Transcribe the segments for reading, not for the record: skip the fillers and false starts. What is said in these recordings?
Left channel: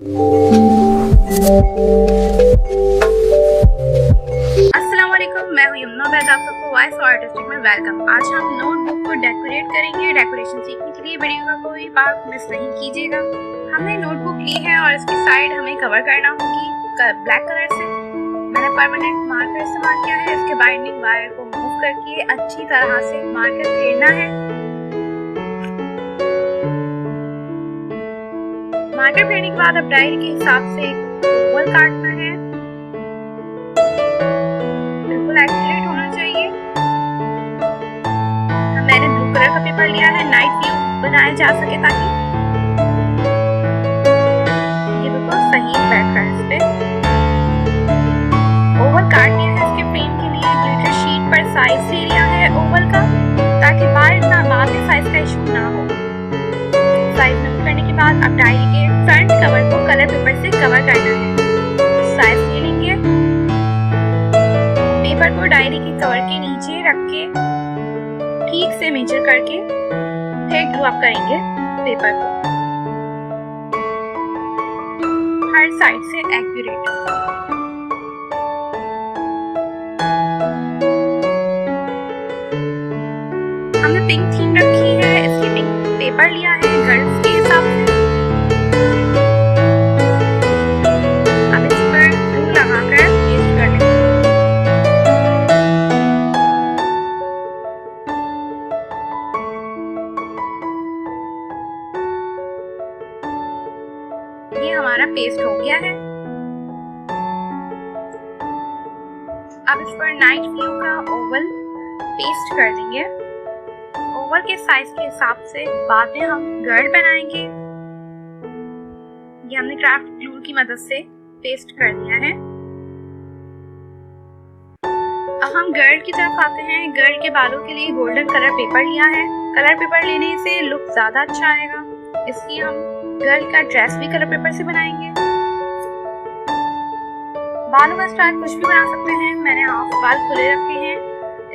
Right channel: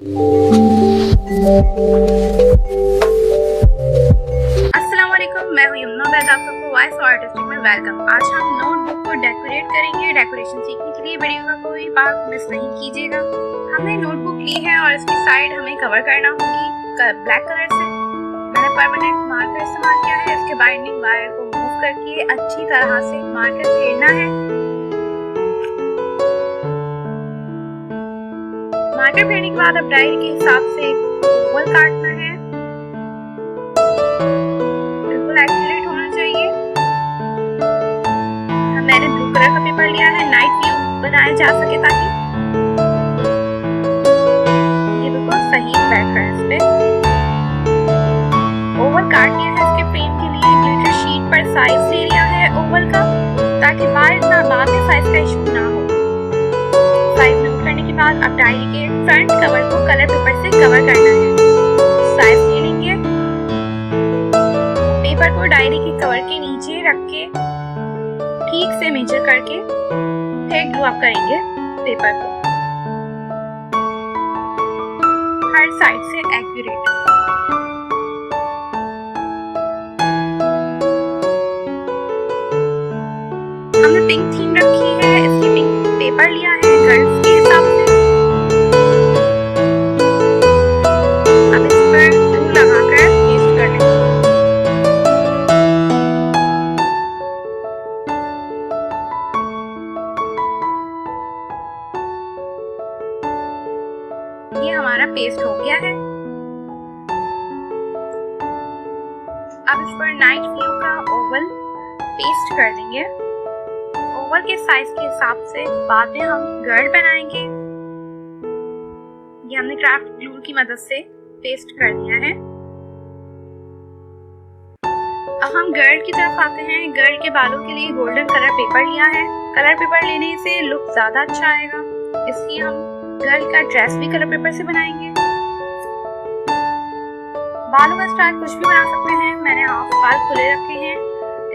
अस्सलाम वालेकुम, मैं हूँ यमुना ओबैद। आप सबको वॉइस और आर्टिस्टिक में वेलकम। आज हम नोटबुक को डेकोरेट करेंगे। डेकोरेशन सीखने के लिए वीडियो का कोई पार्ट मिस नहीं कीजिएगा। हमने नोटबुक ली है और इसकी साइड हमें कवर करना होगी ब्लैक कलर से। मैंने परमानेंट मार्कर इस्तेमाल किया है। इसके बाइंडिंग वायर को मूव करके अच्छी तरह से मार्कर फेरना है। मार्कर फेरने के बाद अब डायरी के हिसाब से ओवल काटना है। बिल्कुल एक्यूरेट होना चाहिए। मैंने ब्लू कलर का पेपर लिया है, नाइट व्यू बनाया जा सके ताकि ये बिल्कुल सही बैठ रहा है। इस पे ओवल काट लिया है। इसके फ्रेम के लिए ग्लिटर शीट पर साइज ले लिया है ओवल का, ताकि बाद में साइज का इशू ना हो। साइज नोट करने के बाद अब डायरी के फ्रंट कवर को कलर पेपर से कवर करना है। साइज ले लेंगे। पेपर को डायरी के कवर के नीचे रख के ठीक से मेजर करके फिर ग्लू अप करेंगे पेपर को हर साइड से एक्यूरेट। हमने पिंक थीम रखी है, इसलिए पिंक पेपर लिया है गर्ल्स के हिसाब से। अब इस पर ग्लू लगाकर पेस्ट कर लेंगे। ये हमारा पेस्ट हो गया है। अब इस पर नाइट व्यू का ओवल पेस्ट कर देंगे। ओवल के साइज के हिसाब से बाद में हम गर्ल बनाएंगे। ये हमने क्राफ्ट ग्लू की मदद से पेस्ट कर दिया है। अब हम गर्ल की तरफ आते हैं। गर्ल के बालों के लिए गोल्डन कलर पेपर लिया है। कलर पेपर लेने से लुक ज्यादा अच्छा आएगा, इसलिए हम गर्ल का ड्रेस भी कलर पेपर से बनाएंगे। बालों का स्टाइल कुछ भी बना सकते हैं। मैंने हाफ बाल खुले रखे हैं।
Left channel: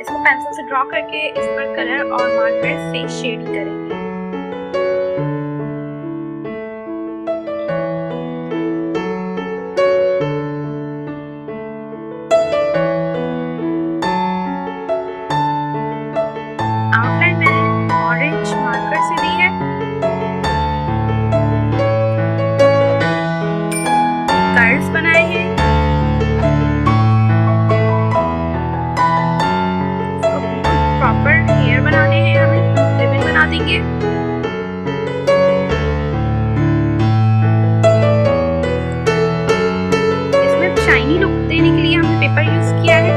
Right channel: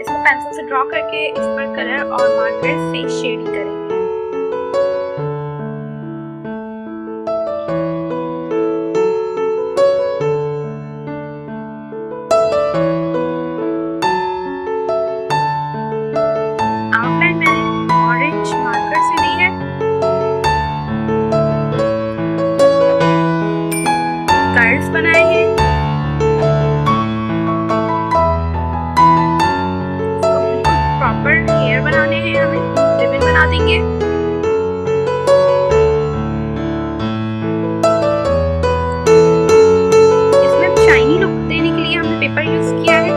इसको पेंसिल से ड्रॉ करके इस पर कलर और मार्कर से शेडिंग करेंगे। आउटलाइन मैंने ऑरेंज मार्कर से दी है। कर्व्स बनाए हैं। प्रॉपर हेयर बनाने हैं, हमें रिबन बना देंगे। इसमें शाइनी लुक देने के लिए हमने पेपर यूज किया है।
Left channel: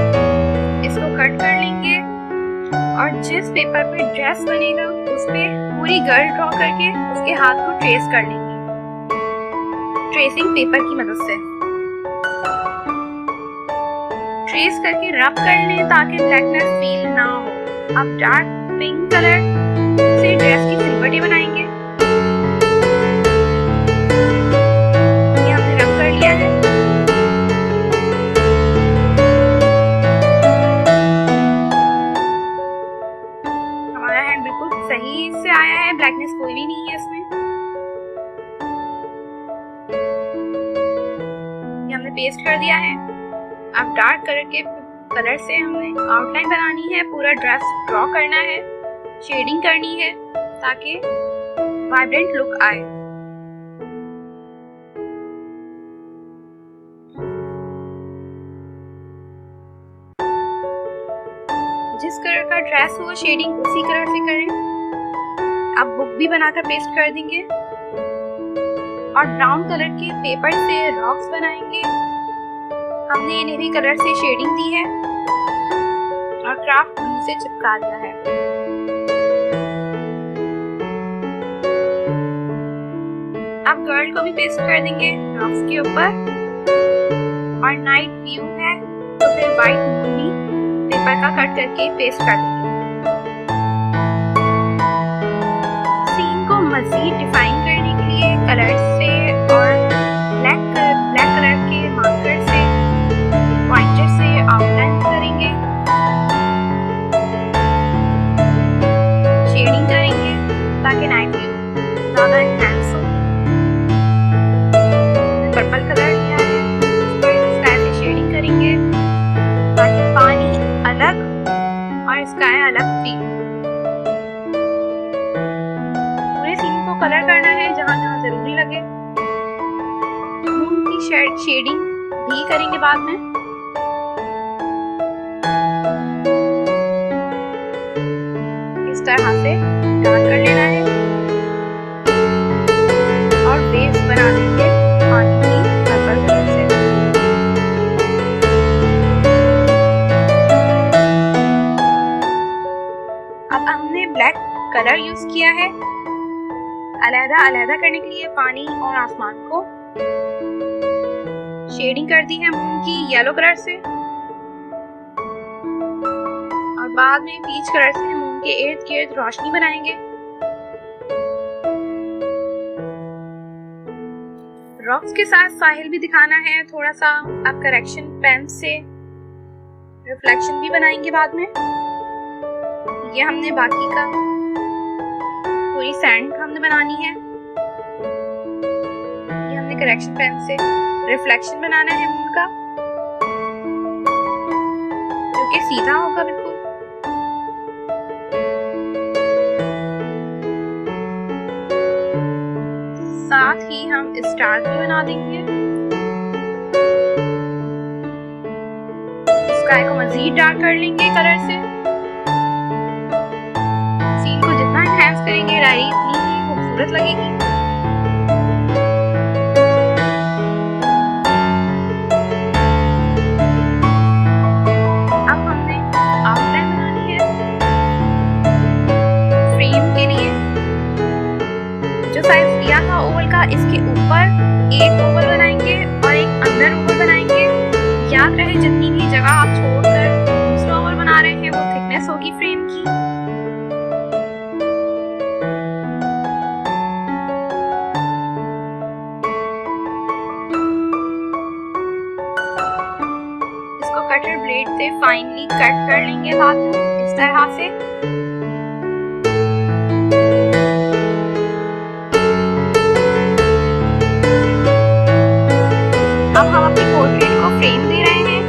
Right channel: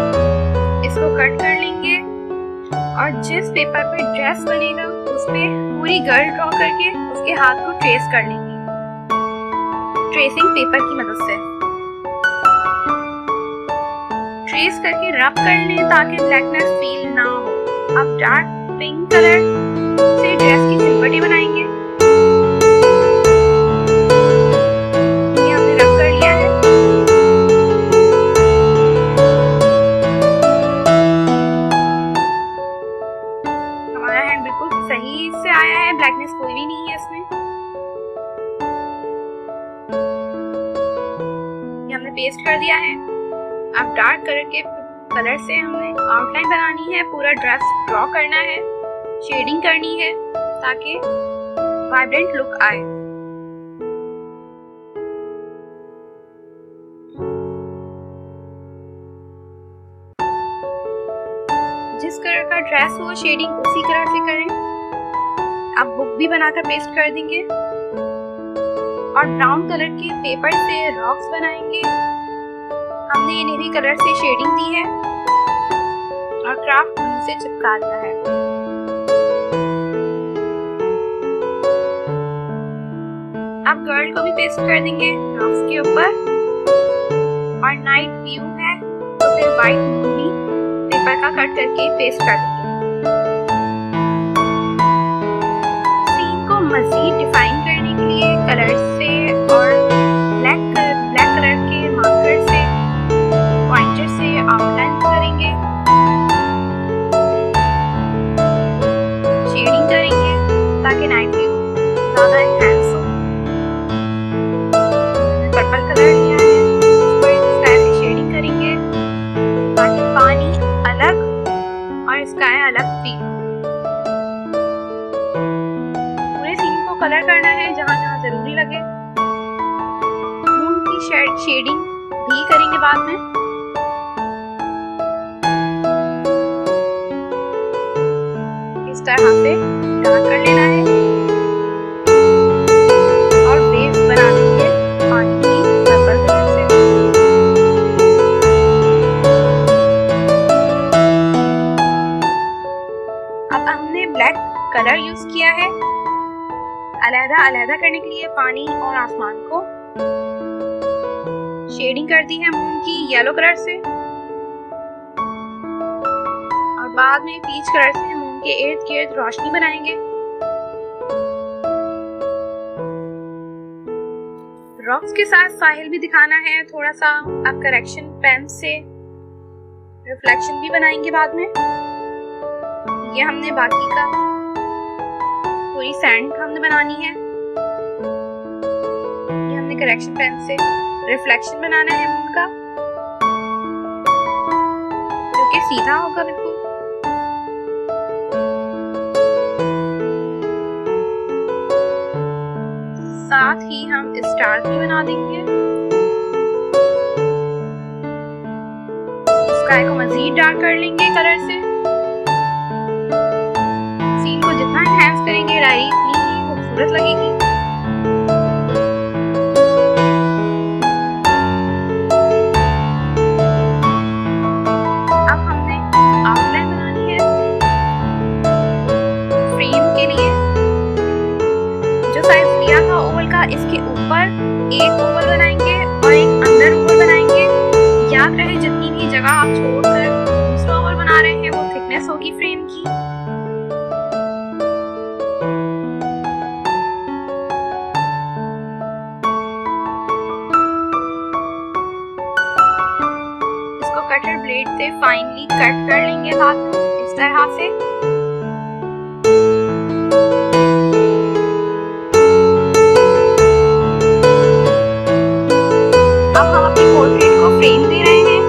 इसको कट कर लेंगे और जिस पेपर पे ड्रेस बनेगा उस पे पूरी गर्ल ड्रॉ करके उसके हाथ को ट्रेस कर लेंगे ट्रेसिंग पेपर की मदद से। ट्रेस करके रब कर लें ताकि ब्लैकनेस फील ना हो। अब डार्क पिंक कलर से ड्रेस की सिलवटें बनाएंगे। ये हमने रब कर लिया है। हमारा हैंड बिल्कुल सही से आया है, ब्लैकनेस कोई भी नहीं है इसमें। ये हमने पेस्ट कर दिया है। अब डार्क कलर से हमने आउटलाइन बनानी है, पूरा ड्रेस ड्रॉ करना है, शेडिंग करनी है ताकि वाइब्रेंट लुक आए। जिस कलर का ड्रेस हो शेडिंग उसी कलर से करें। अब बुक भी बनाकर पेस्ट कर देंगे और ब्राउन कलर के पेपर से रॉक्स बनाएंगे। हमने इन्हें भी कलर से शेडिंग दी है और क्राफ्ट ग्लू से चिपका लिया है। अब गर्ल को भी पेस्ट कर देंगे रॉक्स के ऊपर। और नाइट व्यू है तो फिर व्हाइट मूवी पेपर का कट करके पेस्ट कर देंगे। सीन को मजीद डिफाइन करने के लिए कलर से और ब्लैक कलर के मार्कर से पॉइंटर से आउटलाइन करेंगे, शेडिंग करेंगे ताकि नाइट व्यू ज्यादा एनहांस हो। पर्पल कलर लिया है, इस पर स्काई से शेडिंग करेंगे ताकि पानी अलग और स्काई अलग फील। पूरे सीन को कलर करना है जहाँ जहाँ जरूरी लगे। मून की शेडिंग भी करेंगे बाद में। इस तरह से डार्क कर लेना है और वेव्स बना देंगे पानी की पर्पल कलर से। अब हमने ब्लैक कलर यूज किया है अलग-अलग करने के लिए पानी और आसमान को। शेडिंग कर दी है मून की येलो कलर से और बाद में पीच कलर से मून के इर्द गिर्द रोशनी बनाएंगे। रॉक्स के साथ साहिल भी दिखाना है थोड़ा सा। अब करेक्शन पेन से रिफ्लेक्शन भी बनाएंगे बाद में। ये हमने बाकी का पूरी सैंड हमने बनानी है। ये हमने करेक्शन पेन से रिफ्लेक्शन बनाना है मून का, जो कि सीधा होगा बिल्कुल। साथ ही हम स्टार भी बना देंगे। स्काई को मजीद डार्क कर लेंगे कलर से। सीन को जितना एनहांस करेंगे डायरी इतनी ही खूबसूरत लगेगी। अब हमने आउटलाइन बनानी है फ्रेम के लिए। जो साइज लिया था ओवल का, इसके ऊपर एक ओवल बनाएंगे और एक अंदर ओवल बनाएंगे। याद रहे जितनी भी जगह आप छोड़कर दूसरा ओवल बना रहे हैं वो थिकनेस होगी फ्रेम की। इसको कटर ब्लेड से फाइनली कट कर लेंगे बाद में इस तरह से। अब हम अपनी पोर्ट्रेट को फ्रेम दे रहे हैं।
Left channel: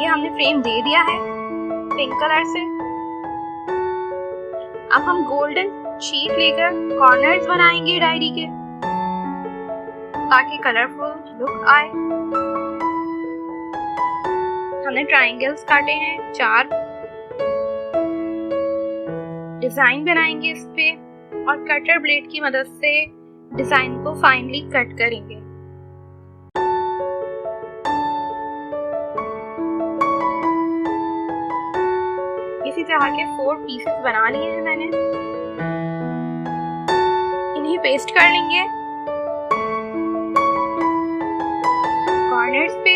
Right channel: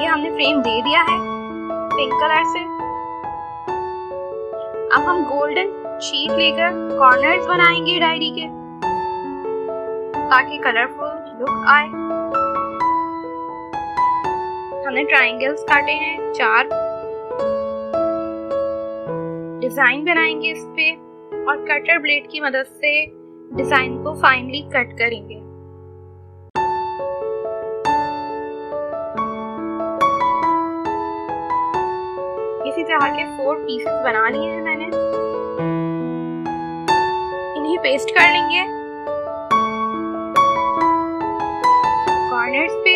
ये हमने फ्रेम दे दिया है पिंक कलर से। अब हम गोल्डन शीट लेकर कॉर्नर्स बनाएंगे डायरी के ताकि कलरफुल लुक आए। हमने ट्रायंगल्स काटे हैं 4। डिजाइन बनाएंगे इस पे और कटर ब्लेड की मदद से डिजाइन को फाइनली कट करेंगे। इसी तरह के 4 पीसेस बना लिए हैं मैंने। इन्हें पेस्ट कर लेंगे कॉर्नर्स पे।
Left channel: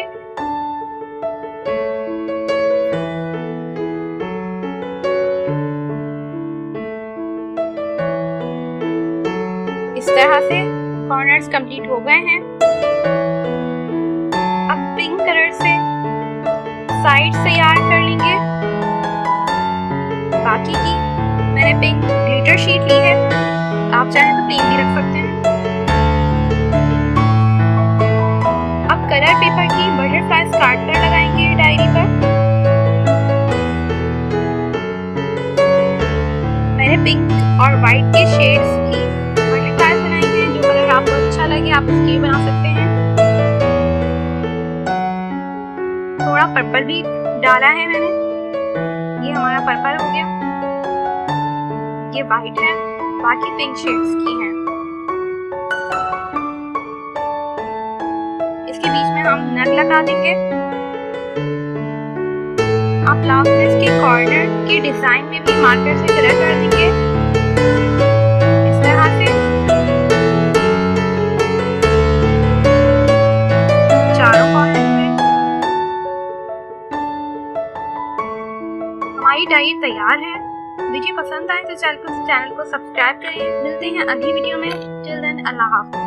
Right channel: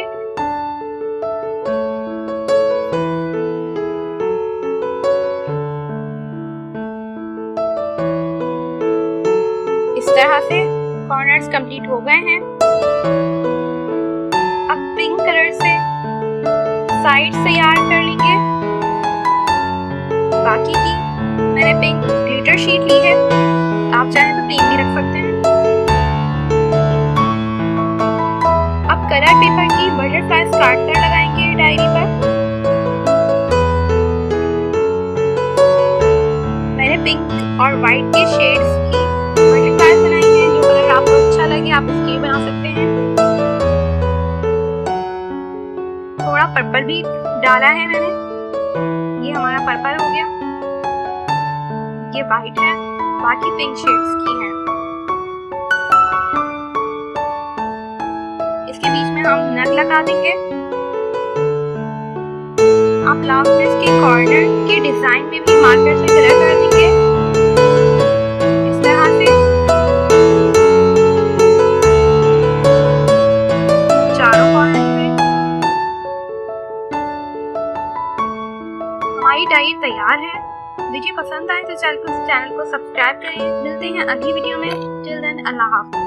इस तरह से कॉर्नर्स कंप्लीट हो गए हैं। अब पिंक कलर से साइड्स तैयार कर लेंगे। बाकी की मैंने पिंक ग्लिटर शीट ली है, आप चाहें तो प्लेन भी रख सकते हैं। अब कलर पेपर की बटरफ्लाइज काटकर लगाएंगे डायरी पर। मैंने पिंक और व्हाइट के शेड्स की बटरफ्लाइज बनाई हैं। जो कलर आपको अच्छा लगे आप इसके भी बना सकते हैं। थोड़ा पर्पल भी डाला है मैंने। ये हमारा पर्पल हो गया। ये व्हाइट है, बाकी पिंक शेड्स की हैं। इसके बीच में हम नग लगा देंगे। आप लास्ट में इसके कॉर्नर के डिजाइन में भी मार्कर से कलर कर देंगे इस तरह से। चारों कॉर्नर पे हमारी डायरी तैयार है। वीडियो पसंद आए तो चैनल को सब्सक्राइब करें। मिलते हैं अगली वीडियो में। टिल देन अल्लाह हाफ़िज़।